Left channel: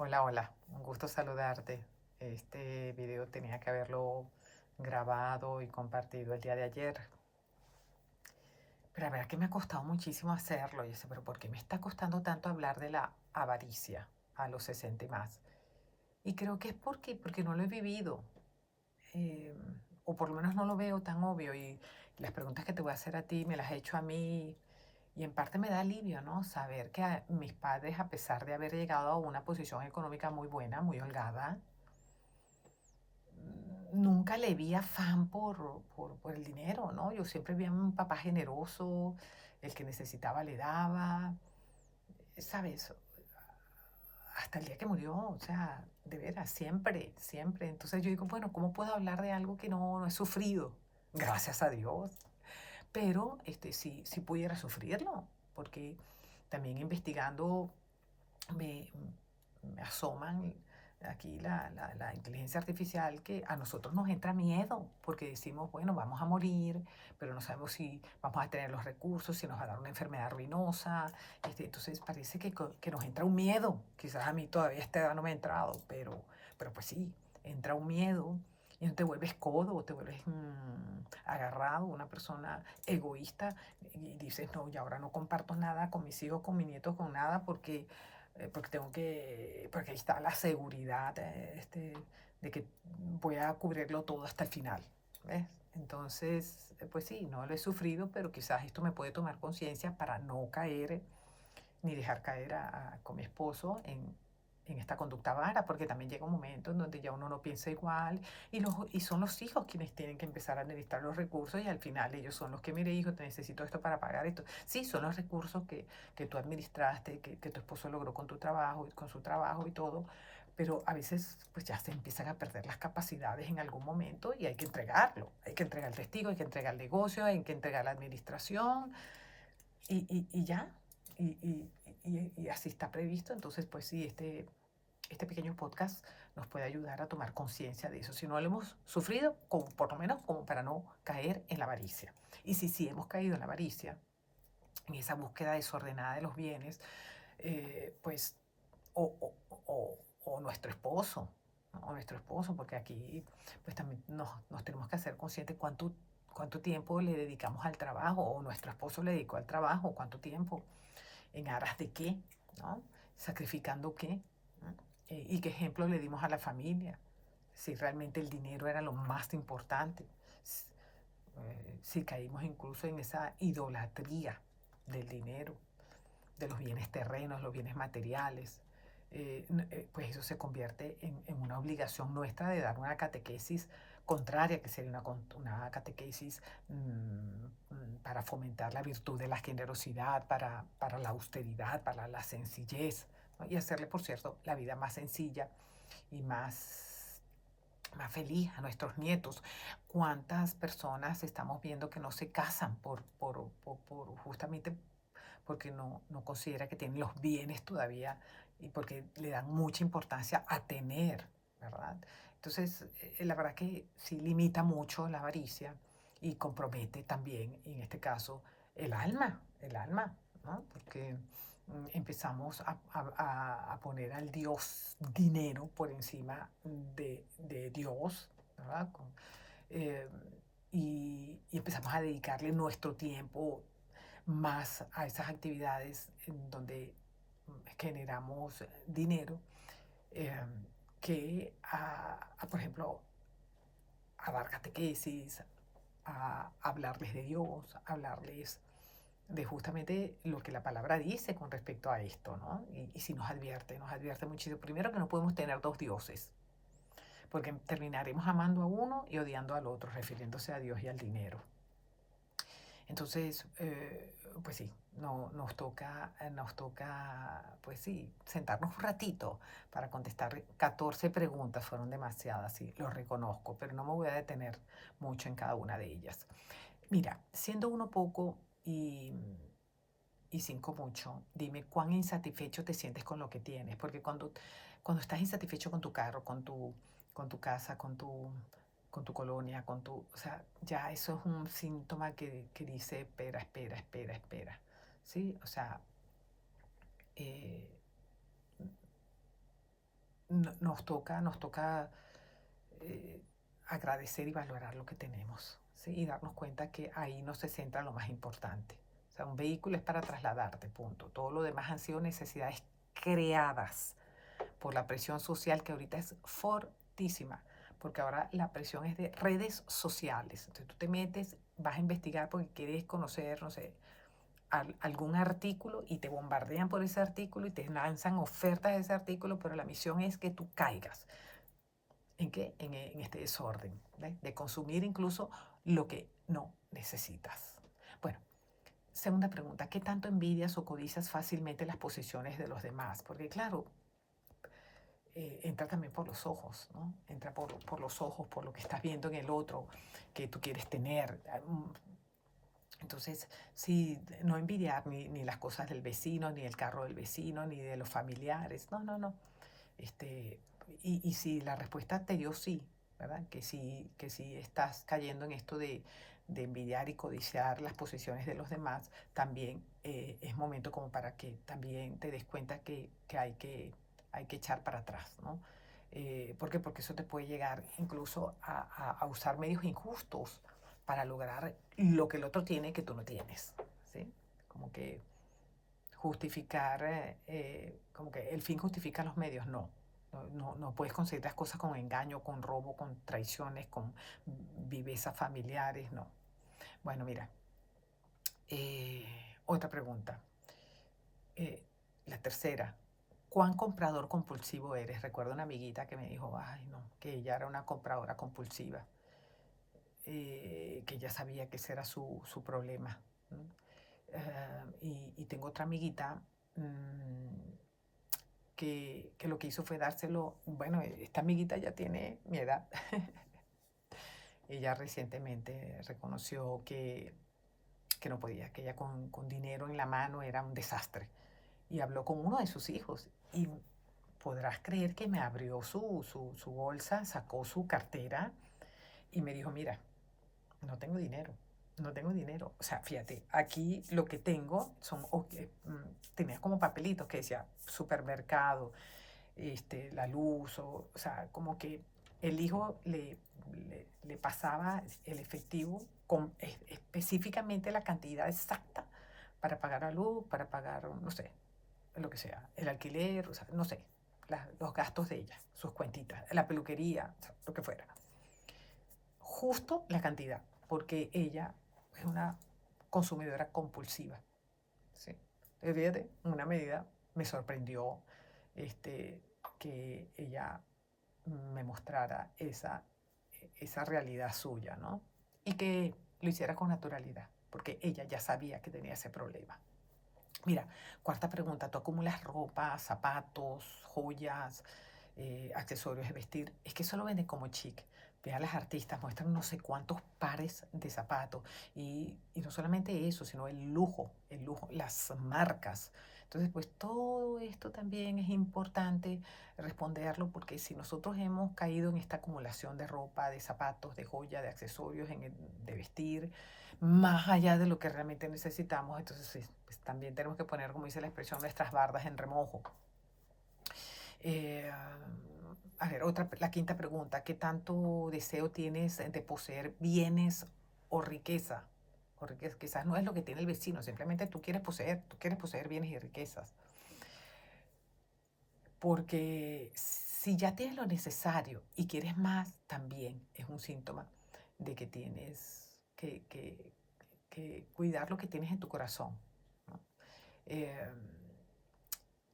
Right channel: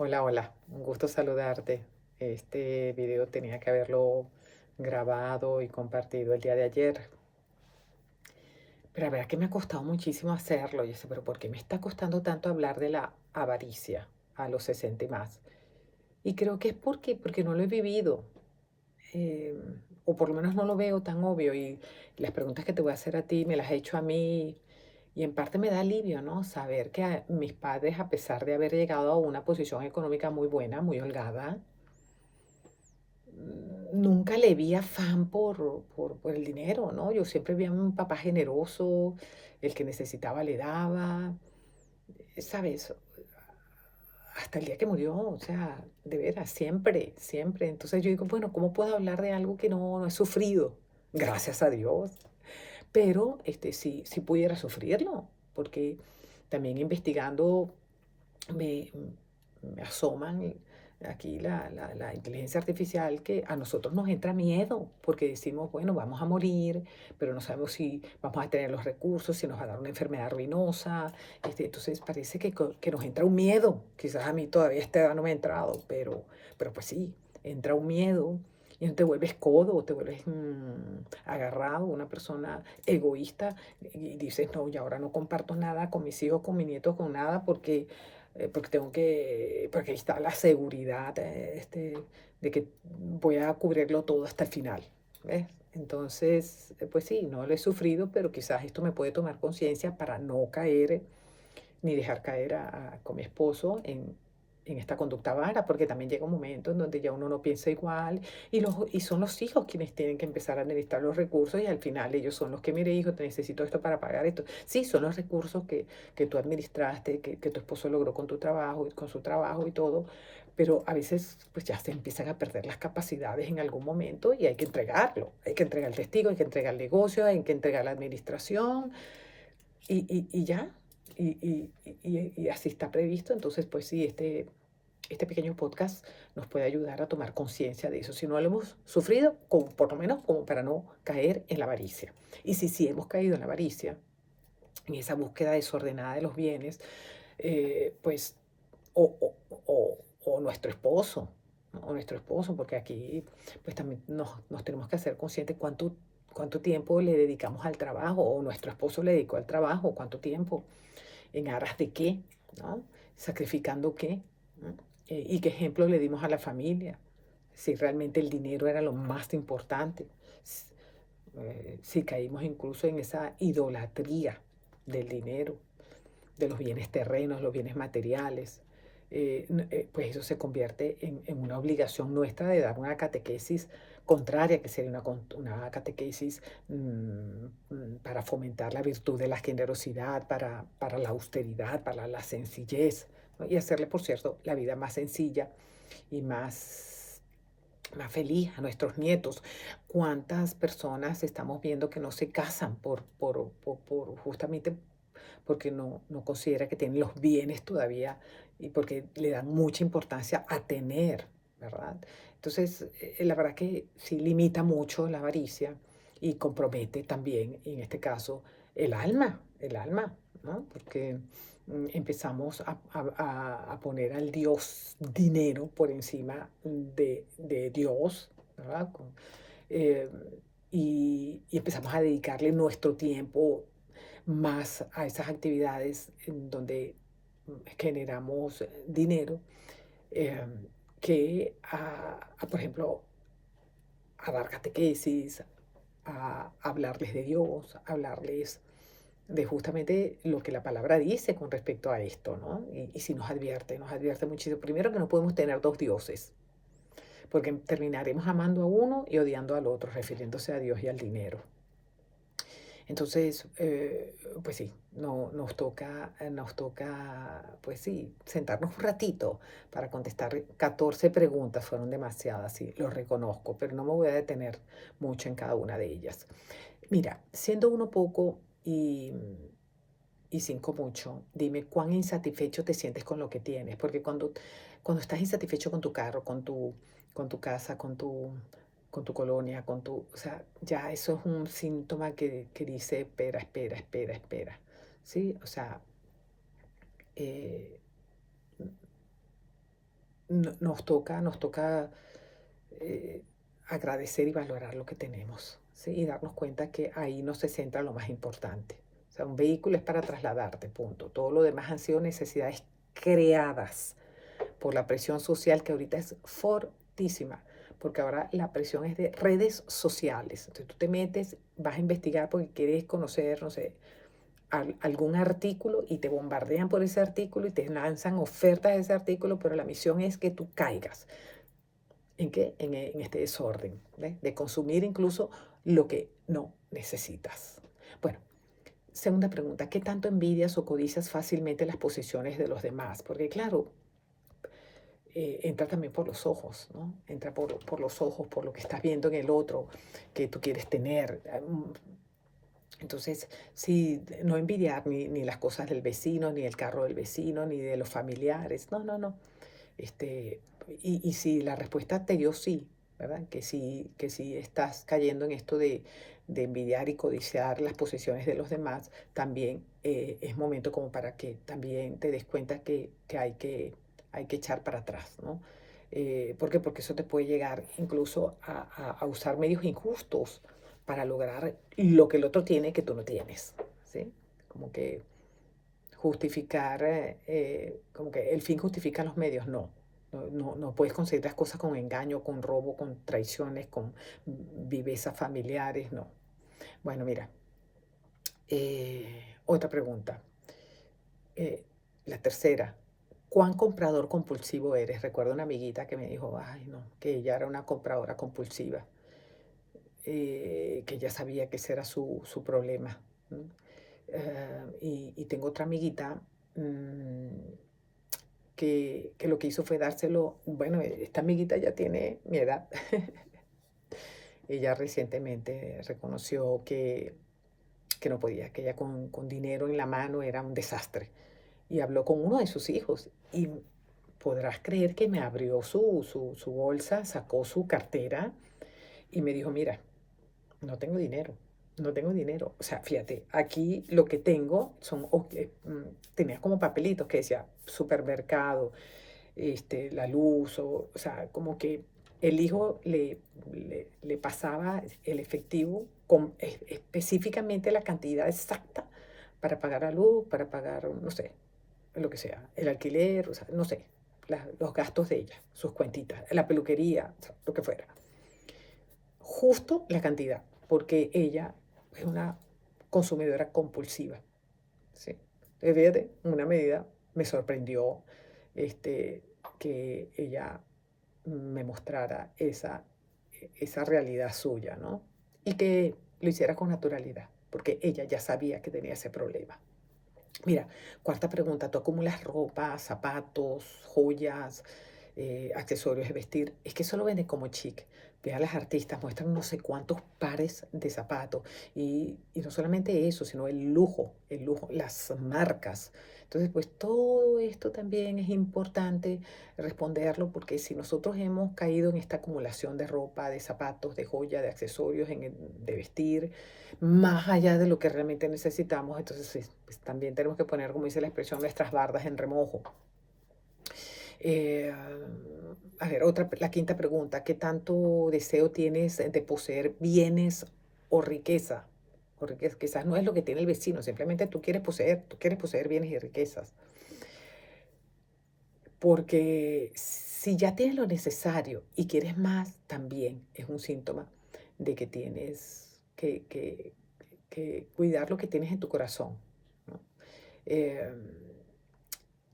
Hola, hola, un gusto saludarte. Este video tenía que haberlo grabado y compartido el día de ayer, pero la verdad que me ha costado muchísimo hacerlo. Y yo sé, pero ¿por qué me está costando tanto hablar de la avaricia a los 60 y más? Y creo que es porque no lo he vivido, eh, o por lo menos no lo veo tan obvio. Y las preguntas que te voy a hacer a ti me las he hecho a mí. Y en parte me da alivio, ¿no? Saber que mis padres, a pesar de haber llegado a una posición económica muy buena, muy holgada, nunca le vi afán por el dinero, ¿no? Yo siempre vi a un papá generoso, el que necesitaba le daba, ¿sabes? Hasta el día que murió, o sea, de veras, siempre, siempre. Entonces yo digo, bueno, ¿cómo puedo hablar de algo que no he sufrido? Gracias a Dios. Pero sí pudiera sufrirlo, porque también investigando me, me asoman aquí la inteligencia artificial, que a nosotros nos entra miedo porque decimos, bueno, vamos a morir, pero no sabemos si vamos a tener los recursos, si nos va a dar una enfermedad ruinosa. Entonces parece que nos entra un miedo. Quizás a mí todavía a esta edad no me ha entrado, pero pues sí, entra un miedo. Y no te vuelves codo, te vuelves agarrado, una persona egoísta, y dices, no, y ahora no comparto nada con mis hijos, con mis nietos, con nada, porque ahí está la seguridad, de que voy a cubrirlo todo hasta el final, ¿ves? Entonces, pues sí, no lo he sufrido, pero quizás esto me puede tomar conciencia para no caer ni dejar caer con mi esposo en esta conducta vara, porque también llega un momento en donde ya uno no piensa igual y son los hijos quienes tienen que empezar a administrar los recursos, y al final ellos son los que, mire, hijo, te necesito esto para pagar esto. Sí, son los recursos que tú administraste, que tu esposo logró con tu trabajo y con su trabajo y todo, pero a veces pues ya se empiezan a perder las capacidades en algún momento y hay que entregarlo. Hay que entregar el testigo, hay que entregar el negocio, hay que entregar la administración y ya. Y así está previsto. Entonces, pues sí, este pequeño podcast nos puede ayudar a tomar conciencia de eso. Si no lo hemos sufrido, como, por lo menos como para no caer en la avaricia. Y si sí hemos caído en la avaricia, en esa búsqueda desordenada de los bienes, pues, o, o, o nuestro esposo, ¿no? O nuestro esposo, porque aquí pues también nos tenemos que hacer conscientes cuánto tiempo le dedicamos al trabajo, o nuestro esposo le dedicó al trabajo, cuánto tiempo, en aras de qué, ¿no? Sacrificando qué, ¿no? Y qué ejemplo le dimos a la familia, si realmente el dinero era lo más importante, si caímos incluso en esa idolatría del dinero, de los bienes terrenos, los bienes materiales. Pues eso se convierte en una obligación nuestra de dar una catequesis contraria, que sería una catequesis para fomentar la virtud de la generosidad, para la austeridad, para la sencillez, ¿no? Y hacerle, por cierto, la vida más sencilla y más feliz a nuestros nietos. ¿Cuántas personas estamos viendo que no se casan por justamente porque no considera que tienen los bienes todavía y porque le dan mucha importancia a tener, ¿verdad? Entonces, la verdad que sí limita mucho la avaricia y compromete también, en este caso, el alma, ¿no? Porque empezamos a poner al Dios dinero por encima de Dios, ¿verdad? Eh, y empezamos a dedicarle nuestro tiempo más a esas actividades en donde generamos dinero, eh, que por ejemplo, a dar catequesis, a hablarles de Dios, a hablarles de justamente lo que la palabra dice con respecto a esto, ¿no? Y si nos advierte muchísimo. Primero, que no podemos tener dos dioses, porque terminaremos amando a uno y odiando al otro, refiriéndose a Dios y al dinero. Entonces, pues sí, no, nos toca, pues sí, sentarnos un ratito para contestar 14 preguntas. Fueron demasiadas, sí, lo reconozco, pero no me voy a detener mucho en cada una de ellas. Mira, siendo uno poco y cinco mucho, dime cuán insatisfecho te sientes con lo que tienes, porque cuando estás insatisfecho con tu carro, con tu casa, con tu colonia, o sea, ya eso es un síntoma que dice, espera, espera, espera, espera, ¿sí? O sea, eh, nos toca eh, agradecer y valorar lo que tenemos, ¿sí? Y darnos cuenta que ahí no se centra lo más importante. O sea, un vehículo es para trasladarte, punto. Todo lo demás han sido necesidades creadas por la presión social que ahorita es fortísima, porque ahora la presión es de redes sociales. Entonces tú te metes, vas a investigar porque quieres conocer, no sé, algún artículo y te bombardean por ese artículo y te lanzan ofertas de ese artículo, pero la misión es que tú caigas. ¿En qué? En este desorden, ¿ves? De consumir incluso lo que no necesitas. Bueno, segunda pregunta, ¿qué tanto envidias o codicias fácilmente las posesiones de los demás? Porque claro, entra también por los ojos, ¿no? Entra por los ojos, por lo que estás viendo en el otro, que tú quieres tener. Entonces, sí, no envidiar ni las cosas del vecino, ni el carro del vecino, ni de los familiares. No, no, no. Este, y si la respuesta te dio sí, ¿verdad? Que sí estás cayendo en esto de envidiar y codiciar las posesiones de los demás, también es momento como para que también te des cuenta que hay que echar para atrás, ¿no? ¿Por qué? Porque eso te puede llegar incluso a usar medios injustos para lograr lo que el otro tiene que tú no tienes, ¿sí? Como que justificar, como que el fin justifica los medios, no. No puedes conseguir las cosas con engaño, con robo, con traiciones, con vivezas familiares, no. Bueno, mira, otra pregunta. Eh, la tercera, ¿cuán comprador compulsivo eres? Recuerdo una amiguita que me dijo, ay, no, que ella era una compradora compulsiva, que ella sabía que ese era su problema. Y tengo otra amiguita que lo que hizo fue dárselo, bueno, esta amiguita ya tiene mi edad. Ella recientemente reconoció que no podía, que ella con dinero en la mano era un desastre. Y habló con uno de sus hijos y podrás creer que me abrió su bolsa, sacó su cartera y me dijo, mira, no tengo dinero, no tengo dinero. O sea, fíjate, aquí lo que tengo son, tenía como papelitos que decía supermercado, la luz, o sea, como que el hijo le pasaba el efectivo con específicamente la cantidad exacta para pagar la luz, para pagar, no sé, lo que sea, el alquiler, o sea, no sé, los gastos de ella, sus cuentitas, la peluquería, o sea, lo que fuera. Justo la cantidad, porque ella es una consumidora compulsiva, ¿sí? Entonces, fíjate, una medida me sorprendió este, que ella me mostrara esa realidad suya, ¿no? Y que lo hiciera con naturalidad, porque ella ya sabía que tenía ese problema. Mira, cuarta pregunta, ¿tú acumulas ropa, zapatos, joyas, accesorios de vestir? Es que eso lo venden como chic. Ve a las artistas, muestran no sé cuántos pares de zapatos. Y no solamente eso, sino el lujo, las marcas. Entonces, pues todo esto también es importante responderlo porque si nosotros hemos caído en esta acumulación de ropa, de zapatos, de joya, de accesorios, de vestir, más allá de lo que realmente necesitamos, entonces sí, pues también tenemos que poner, como dice la expresión, nuestras bardas en remojo. Eh, a ver, la quinta pregunta, ¿qué tanto deseo tienes de poseer bienes o riqueza? O riqueza, quizás no es lo que tiene el vecino, simplemente tú quieres poseer bienes y riquezas. Porque si ya tienes lo necesario y quieres más, también es un síntoma de que tienes que cuidar lo que tienes en tu corazón, ¿no? Eh,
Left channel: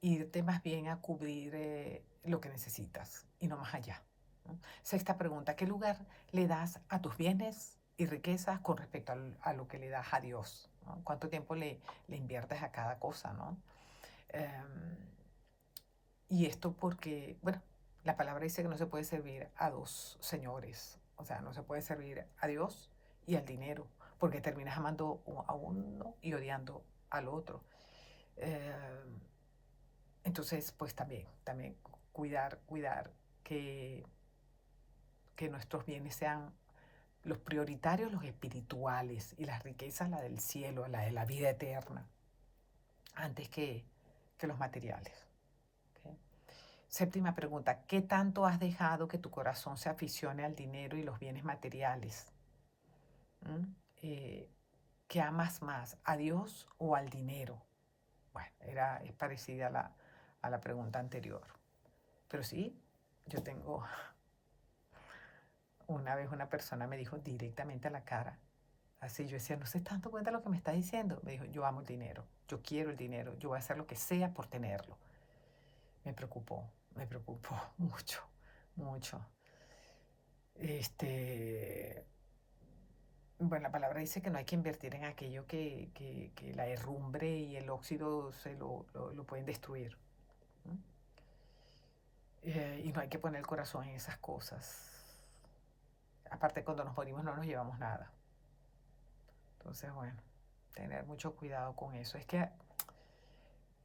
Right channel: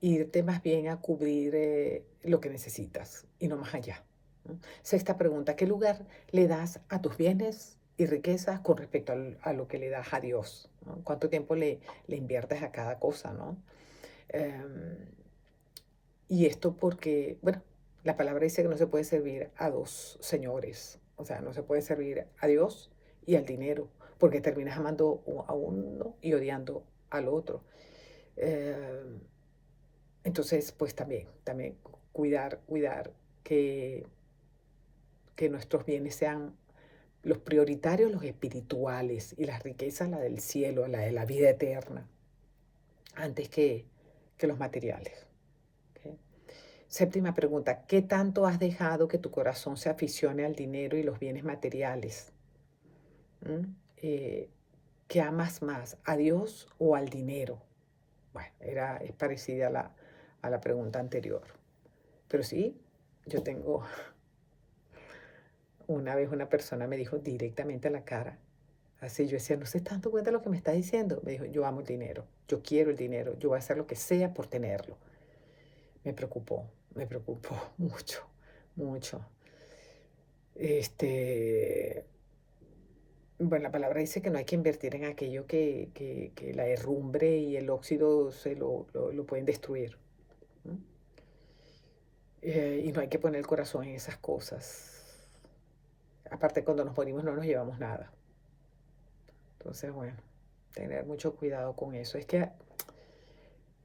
Irte más bien a cubrir lo que necesitas y no más allá, ¿no? Sexta pregunta, ¿qué lugar le das a tus bienes y riquezas con respecto a lo que le das a Dios, ¿no? ¿Cuánto tiempo le inviertes a cada cosa, ¿no? Em, y esto porque, bueno, la palabra dice que no se puede servir a dos señores, o sea, no se puede servir a Dios y al dinero, porque terminas amando a uno y odiando al otro. Eh, entonces, pues también cuidar que, que nuestros bienes sean los prioritarios, los espirituales, y las riquezas, la del cielo, la de la vida eterna, antes que los materiales. ¿Ok? Séptima pregunta, ¿qué tanto has dejado que tu corazón se aficione al dinero y los bienes materiales? ¿Mm? Eh, ¿Qué amas más, a Dios o al dinero? Bueno, es parecida a la pregunta anterior. Pero sí, yo tengo, una vez una persona me dijo directamente a la cara, así yo decía, no se está dando cuenta de lo que me está diciendo. Me dijo, yo amo el dinero, yo quiero el dinero, yo voy a hacer lo que sea por tenerlo. Me preocupó mucho, mucho. Este, bueno, la palabra dice que no hay que invertir en aquello que la herrumbre y el óxido lo pueden destruir. ¿No? Y no hay que poner el corazón en esas cosas. Aparte, cuando nos morimos no nos llevamos nada. Entonces, bueno, tener mucho cuidado con eso. Es que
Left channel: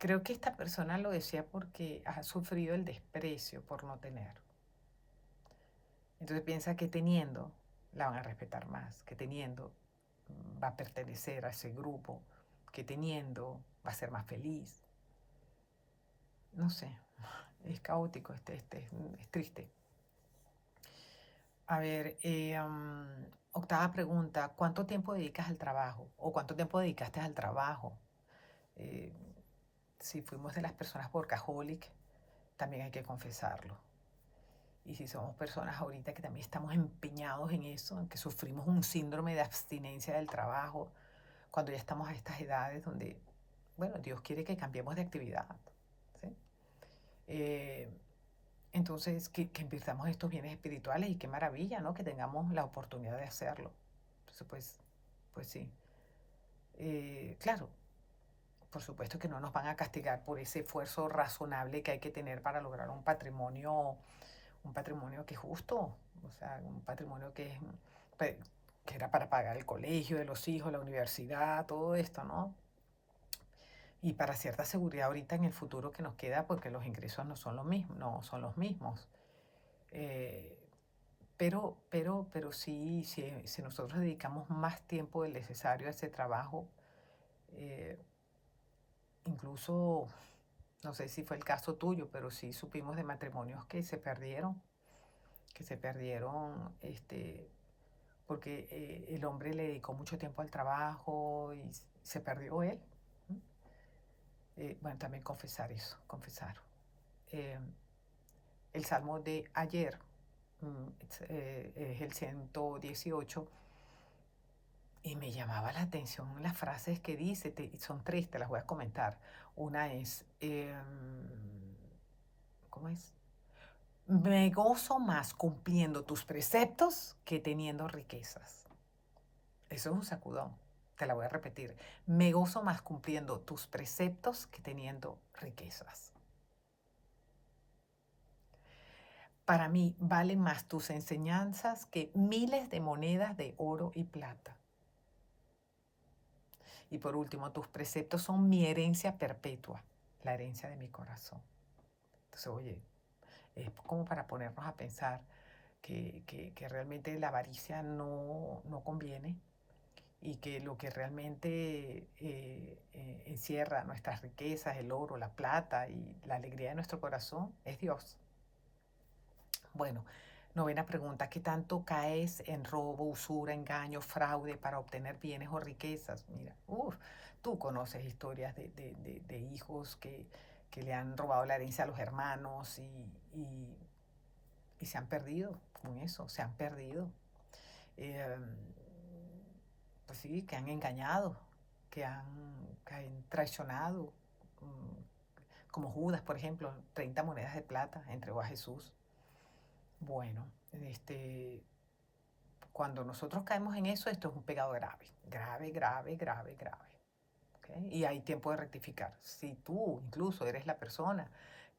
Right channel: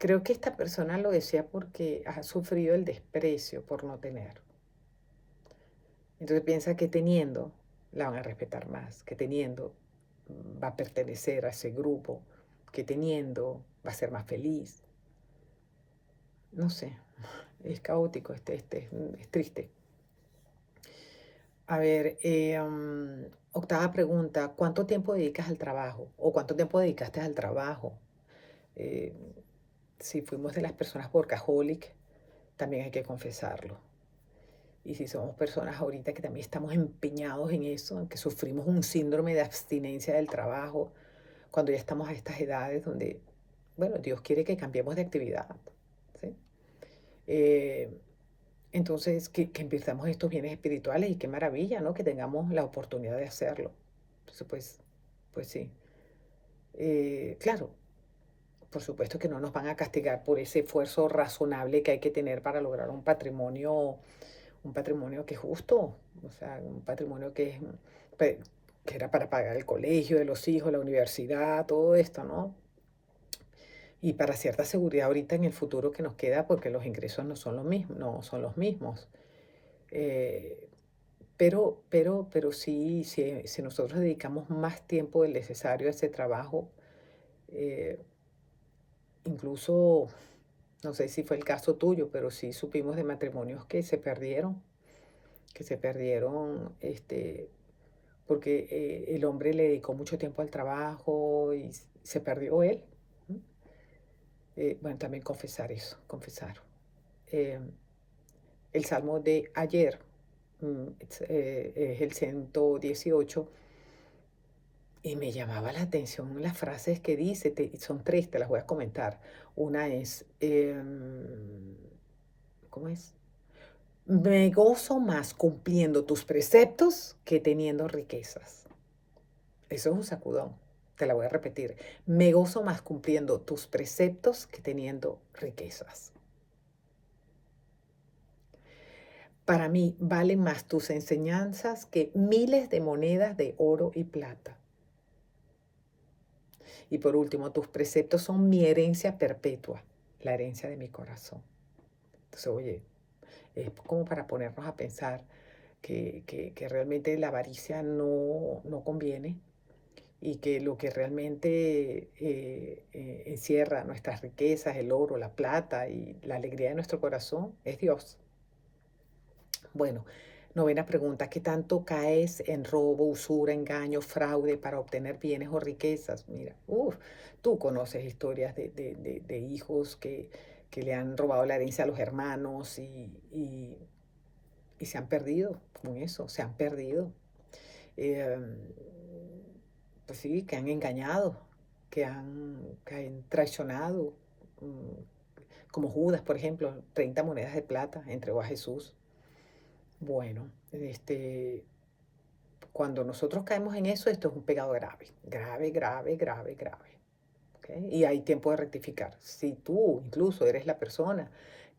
creo que esta persona lo decía porque ha sufrido el desprecio por no tener. Entonces piensa que teniendo la van a respetar más, que teniendo va a pertenecer a ese grupo, que teniendo va a ser más feliz. No sé, es caótico, es triste. A ver, octava pregunta, ¿cuánto tiempo dedicas al trabajo? ¿O cuánto tiempo dedicaste al trabajo? Eh, si fuimos de las personas workaholic, también hay que confesarlo. Y si somos personas ahorita que también estamos empeñados en eso, en que sufrimos un síndrome de abstinencia del trabajo, cuando ya estamos a estas edades donde, bueno, Dios quiere que cambiemos de actividad, ¿sí? Eh, entonces, que invirtamos estos bienes espirituales y qué maravilla, ¿no? Que tengamos la oportunidad de hacerlo. Entonces, pues sí. Claro, por supuesto que no nos van a castigar por ese esfuerzo razonable que hay que tener para lograr un patrimonio que es justo, o sea, un patrimonio que era para pagar el colegio de los hijos, la universidad, todo esto, ¿no? Y para cierta seguridad ahorita en el futuro que nos queda, porque los ingresos no son los mismos, no son los mismos. Eh, pero sí, si nosotros dedicamos más tiempo del necesario a ese trabajo, eh, incluso, no sé si fue el caso tuyo, pero sí supimos de matrimonios que se perdieron, porque el hombre le dedicó mucho tiempo al trabajo y se perdió él. ¿No? Bueno, también confesar eso, confesar. Eh, el salmo de ayer es el 118 y me llamaba la atención las frases que dice, son tres, te las voy a comentar. Una es, ¿cómo es? Me gozo más cumpliendo tus preceptos que teniendo riquezas. Eso es un sacudón. Te la voy a repetir. Me gozo más cumpliendo tus preceptos que teniendo riquezas. Para mí valen más tus enseñanzas que miles de monedas de oro y plata. Y por último, tus preceptos son mi herencia perpetua, la herencia de mi corazón. Entonces, oye, es como para ponernos a pensar que realmente la avaricia no conviene y que lo que realmente encierra nuestras riquezas, el oro, la plata y la alegría de nuestro corazón es Dios. Bueno, novena pregunta, ¿qué tanto caes en robo, usura, engaño, fraude para obtener bienes o riquezas? Mira, tú conoces historias de hijos que le han robado la herencia a los hermanos y se han perdido con eso, se han perdido. Eh, pues sí, que han engañado, que han traicionado, como Judas, por ejemplo, 30 monedas de plata entregó a Jesús. Bueno, cuando nosotros caemos en eso, esto es un pecado grave, grave, grave, grave, grave. ¿Okay? Y hay tiempo de rectificar. Si tú incluso eres la persona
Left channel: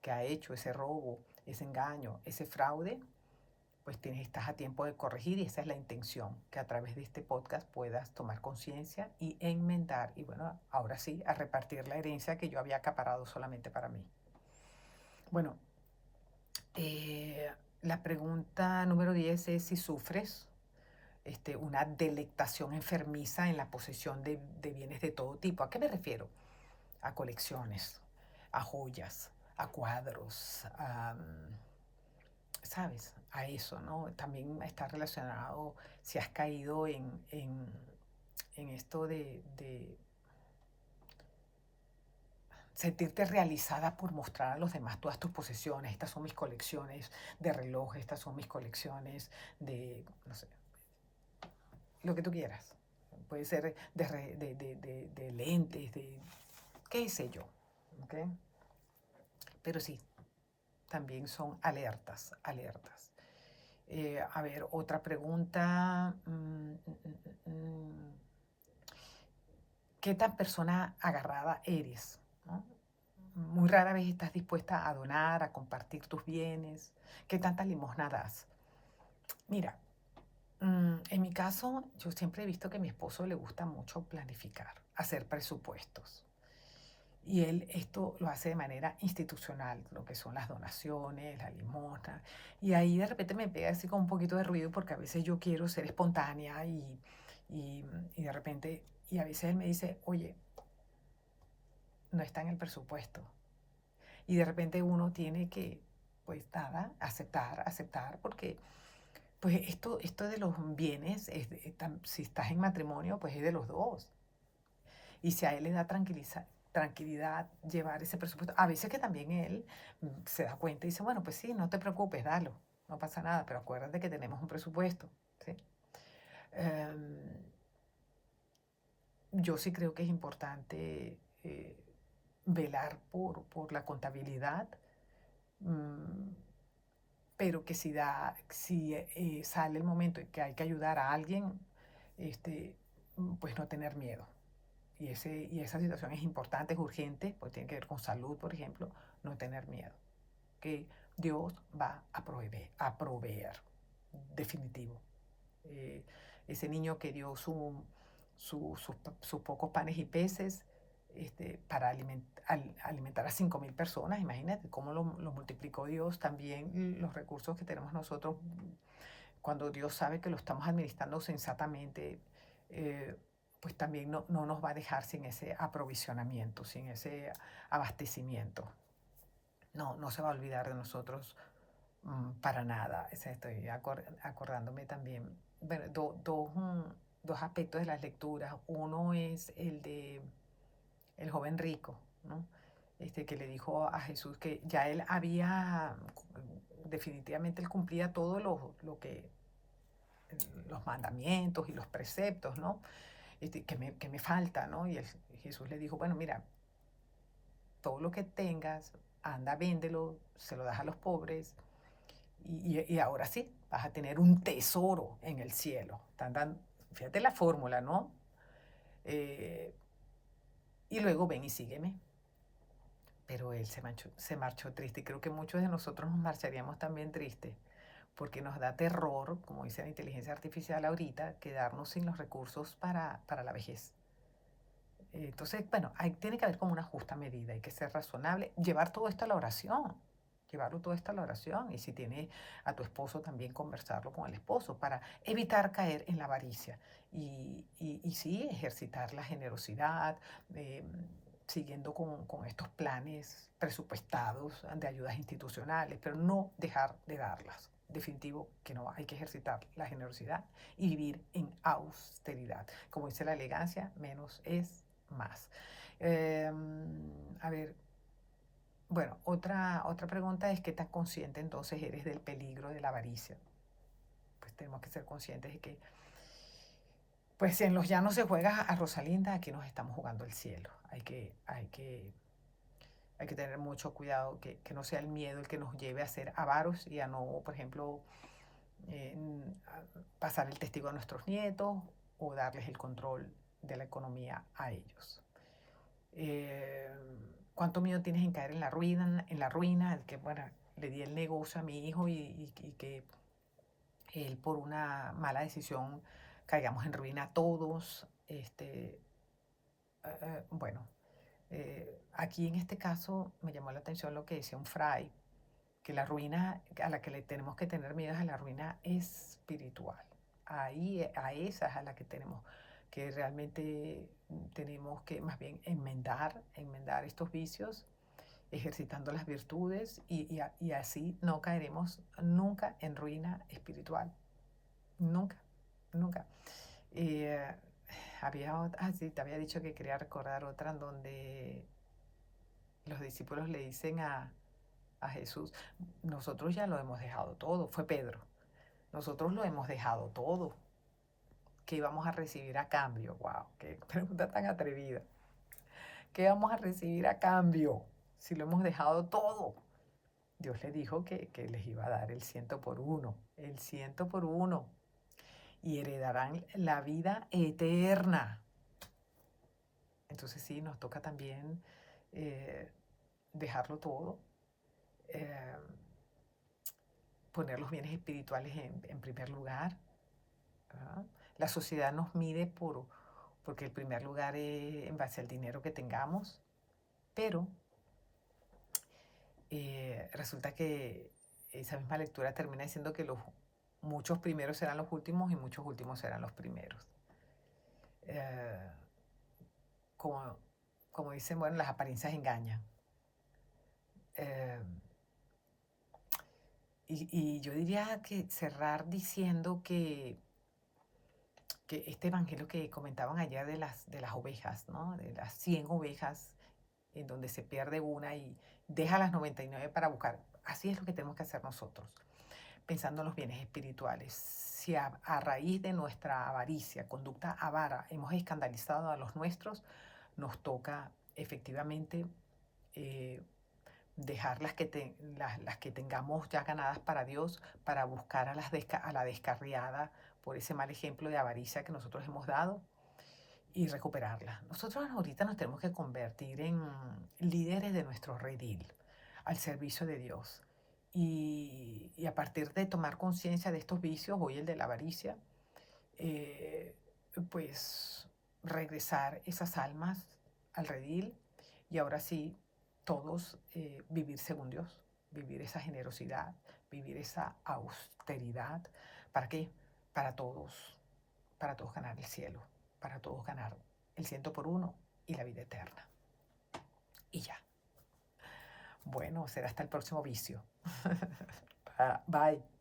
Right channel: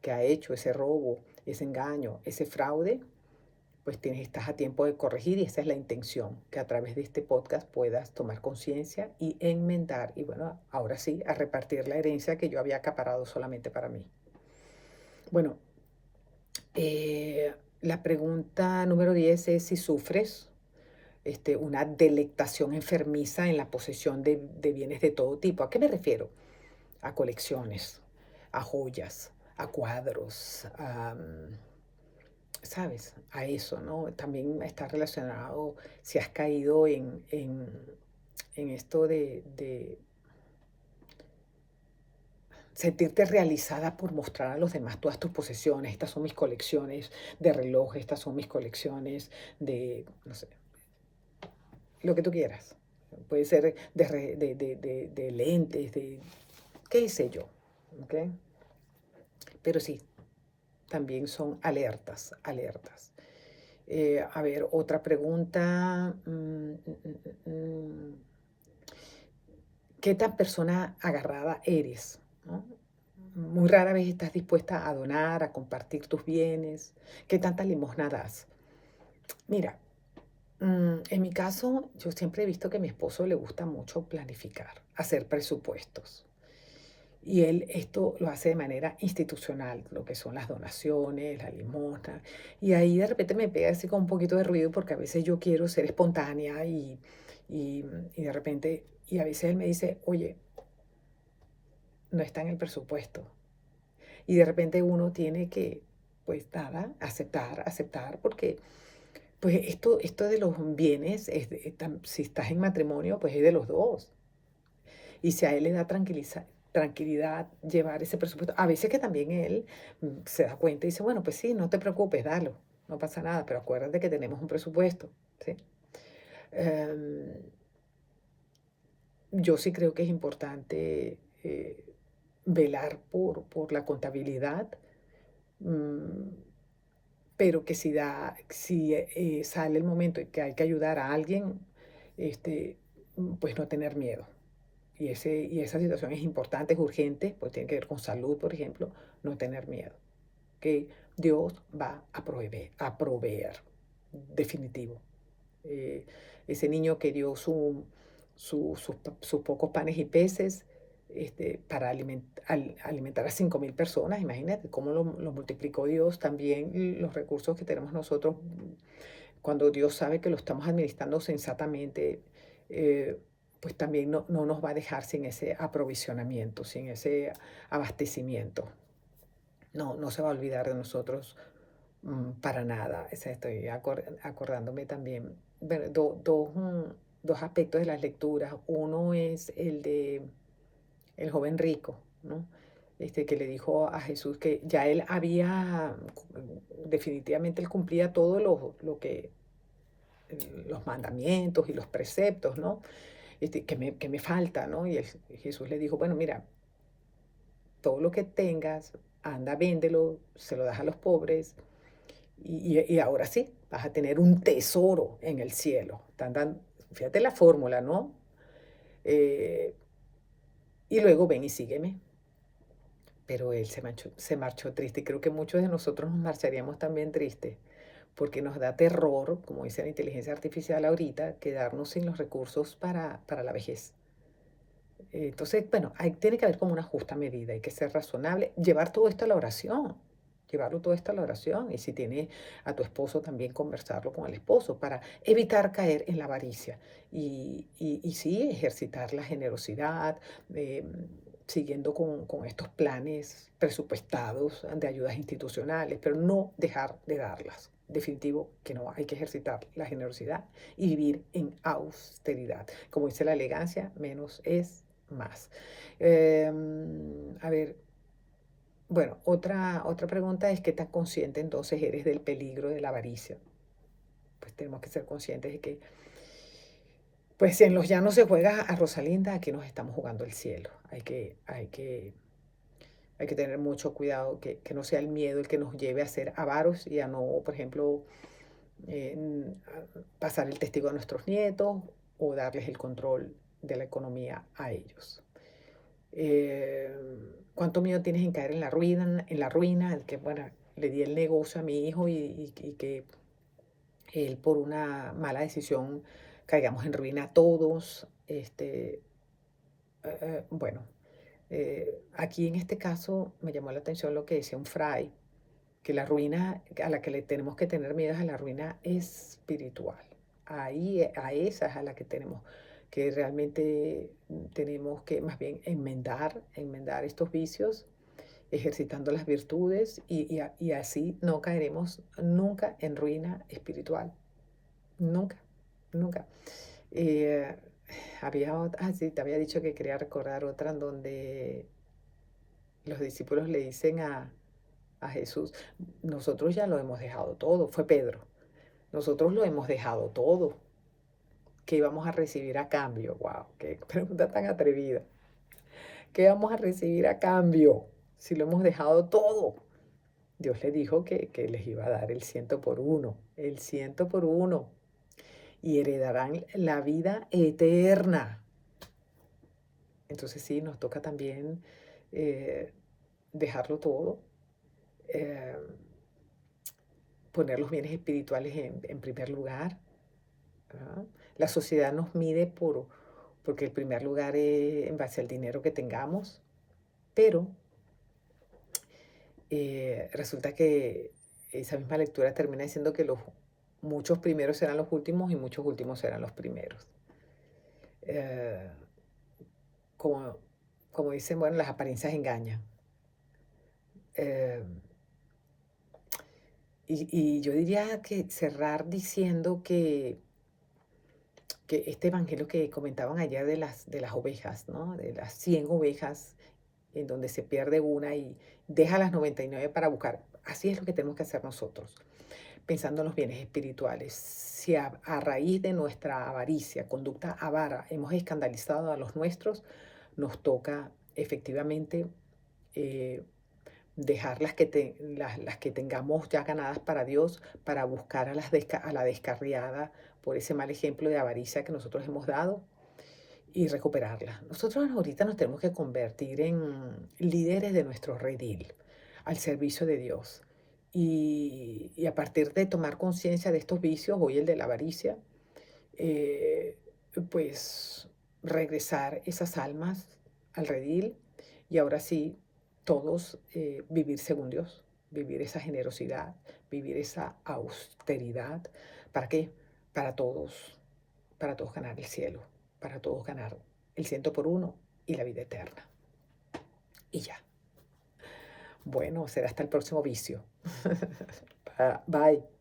que ha hecho ese robo, ese engaño, ese fraude, pues estás a tiempo de corregir y esa es la intención, que a través de este podcast puedas tomar conciencia y enmendar. Y bueno, ahora sí, a repartir la herencia que yo había acaparado solamente para mí. Bueno, la pregunta número 10 es si sufres una delectación enfermiza en la posesión de bienes de todo tipo. ¿A qué me refiero? A colecciones, a joyas, a cuadros, ¿sabes? A eso, ¿no? También está relacionado si has caído en esto de sentirte realizada por mostrar a los demás todas tus posesiones. Estas son mis colecciones de relojes, estas son mis colecciones de, no sé, lo que tú quieras. Puede ser de lentes, de qué sé yo. ¿Ok? Pero sí, también son alertas, alertas. A ver, otra pregunta. ¿Qué tan persona agarrada eres? ¿No? Muy rara vez estás dispuesta a donar, a compartir tus bienes. ¿Qué tanta limosna das? Mira, en mi caso, yo siempre he visto que a mi esposo le gusta mucho planificar, hacer presupuestos. Y él esto lo hace de manera institucional, lo que son las donaciones, la limosna. Y ahí de repente me pega así con un poquito de ruido porque a veces yo quiero ser espontánea y de repente, y a veces él me dice, oye, no está en el presupuesto. Y de repente uno tiene que, pues nada, aceptar, porque pues esto de los bienes, si estás en matrimonio, pues es de los dos. Y si a él le da tranquilidad llevar ese presupuesto, a veces que también él se da cuenta y dice, bueno, pues sí, no te preocupes, dalo, no pasa nada, pero acuérdate que tenemos un presupuesto, ¿sí? Em, yo sí creo que es importante velar por la contabilidad, mm, pero que si sale el momento en que hay que ayudar a alguien, este, pues no tener miedo. Y esa situación es importante, es urgente, pues tiene que ver con salud, por ejemplo, no tener miedo. Que Dios va a proveer, definitivo. Eh, ese niño que dio sus pocos panes y peces para alimentar a 5.000 personas, imagínate cómo lo multiplicó Dios, también los recursos que tenemos nosotros, cuando Dios sabe que lo estamos administrando sensatamente, eh, pues también no nos va a dejar sin ese aprovisionamiento, sin ese abastecimiento. No se va a olvidar de nosotros para nada. O sea, estoy acordándome también, bueno, dos aspectos de las lecturas. Uno es el de el joven rico, ¿no? Que le dijo a Jesús que ya él había, definitivamente él cumplía todo los mandamientos y los preceptos, ¿no? Que me falta, ¿no? Y Jesús le dijo, bueno, mira, todo lo que tengas, anda, véndelo, se lo das a los pobres y ahora sí, vas a tener un tesoro en el cielo. Fíjate la fórmula, ¿no? Eh, y luego ven y sígueme. Pero él se marchó triste y creo que muchos de nosotros nos marcharíamos también tristes porque nos da terror, como dice la inteligencia artificial ahorita, quedarnos sin los recursos para la vejez. Entonces, bueno, tiene que haber como una justa medida, hay que ser razonable, llevar todo esto a la oración, llevarlo todo esto a la oración y si tiene a tu esposo también conversarlo con el esposo para evitar caer en la avaricia y sí ejercitar la generosidad, eh, siguiendo con estos planes presupuestados de ayudas institucionales, pero no dejar de darlas. Definitivo que no, hay que ejercitar la generosidad y vivir en austeridad. Como dice la elegancia, menos es más. A ver, bueno, otra pregunta es qué tan consciente entonces eres del peligro de la avaricia. Pues tenemos que ser conscientes de que, pues si en los llanos se juega a Rosalinda, aquí nos estamos jugando el cielo. Hay que tener mucho cuidado, que no sea el miedo el que nos lleve a ser avaros y a no, por ejemplo, pasar el testigo a nuestros nietos o darles el control de la economía a ellos. eh, ¿Cuánto miedo tienes en caer en la ruina? Que, bueno, le di el negocio a mi hijo y que él por una mala decisión caigamos en ruina todos. Bueno, aquí en este caso me llamó la atención lo que decía un fray, que la ruina a la que le tenemos que tener miedo es a la ruina espiritual. Ahí, a esa es a la que tenemos que realmente tenemos que más bien enmendar estos vicios ejercitando las virtudes y así no caeremos nunca en ruina espiritual. Nunca, nunca. Eh, sí, te había dicho que quería recordar otra en donde los discípulos le dicen a Jesús, nosotros ya lo hemos dejado todo, fue Pedro, nosotros lo hemos dejado todo, ¿qué vamos a recibir a cambio? Wow, qué pregunta tan atrevida. ¿Qué vamos a recibir a cambio si lo hemos dejado todo? Dios le dijo que les iba a dar el 100 por 1, el 100 por 1, y heredarán la vida eterna. Entonces sí, nos toca también eh, dejarlo todo, eh, poner los bienes espirituales en primer lugar. ¿Verdad? La sociedad nos mide porque el primer lugar es en base al dinero que tengamos, pero resulta que esa misma lectura termina diciendo que los muchos primeros serán los últimos y muchos últimos serán los primeros. Eh, como, como dicen, bueno, las apariencias engañan. Eh, y yo diría que cerrar diciendo que este evangelio que comentaban ayer de las ovejas, ¿no? De las 100 ovejas, en donde se pierde una y deja las 99 para buscar. Así es lo que tenemos que hacer nosotros, pensando en los bienes espirituales. Si a raíz de nuestra avaricia, conducta avara, hemos escandalizado a los nuestros, nos toca efectivamente eh, dejar las que tengamos ya ganadas para Dios, para buscar a la descarriada por ese mal ejemplo de avaricia que nosotros hemos dado y recuperarla. Nosotros ahorita nos tenemos que convertir en líderes de nuestro redil, al servicio de Dios. Y a partir de tomar conciencia de estos vicios, hoy el de la avaricia, eh, pues regresar esas almas al redil y ahora sí, todos vivir según Dios, vivir esa generosidad, vivir esa austeridad. ¿Para qué? Para todos, para todos ganar el cielo, para todos ganar el 100 por 1 y la vida eterna. Y ya. Bueno, será hasta el próximo vicio. Bye.